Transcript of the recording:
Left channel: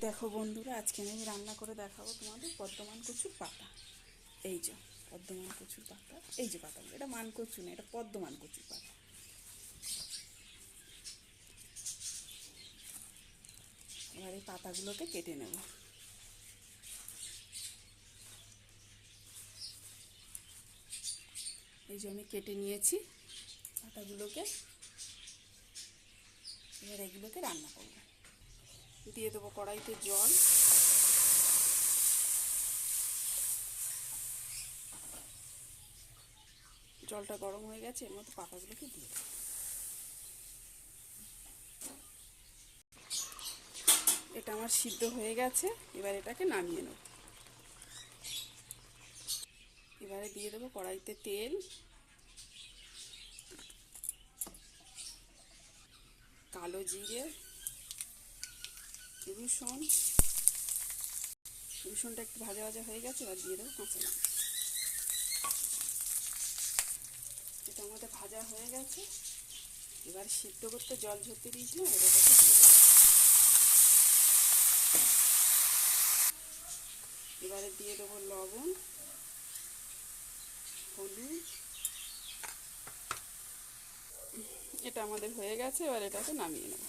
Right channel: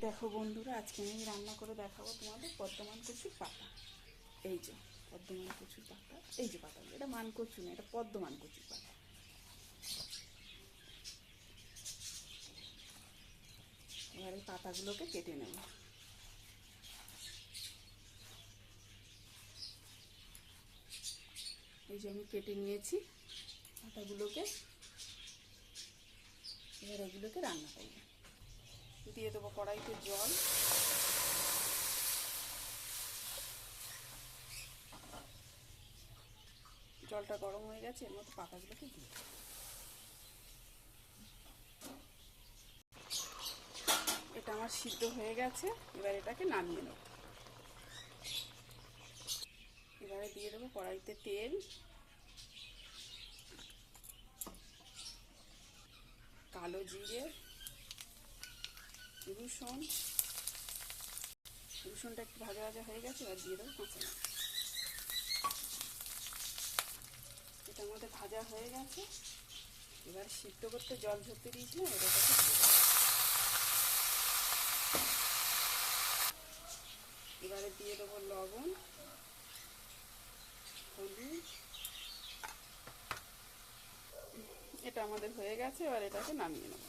দেখো বন্ধুরা, আজকে আমি রান্না করে দেখাবো তোমাদের বর্ধমান কচুর পাতা। এই যে বর্ধমান কচুর পাতা, এই যে পাতাগুলো, এটা মান কচু না, এটা বর্ধমান কচুর পাতা। এবার এই পাতাগুলোকে কেটে নেব। এই যে আমি কেটে নিয়েছি পাতাগুলোকে। এবার এগুলোকে রান্না করব। দিয়ে দেবো কড়াইতে জল। জলটা গরম হয়ে গেছে, এর মধ্যে পাতাগুলোকে দিয়ে দেবো। এটা আমার সিদ্ধ হয়ে গেছে, এবার এটাকে নামিয়ে নেব। এবারে দিয়ে দেবো কড়াইতে তেল, কালো জিরে, রসুনটা একটু ভাজা ভাজা হয়ে গেছে। এবার দিয়ে দেবো কাঁচা লঙ্কা। এটা আমাদের ভাজা হয়ে গেছে। এবার সিদ্ধ করতে জল ঝরতে দিয়েছিলাম, এটাকে দিয়ে দেবো। এবারে দিয়ে দেবো লবণ, হলুদ। এটা আমাদের হয়ে গেছে, এবার এটাকে নামিয়ে নেব।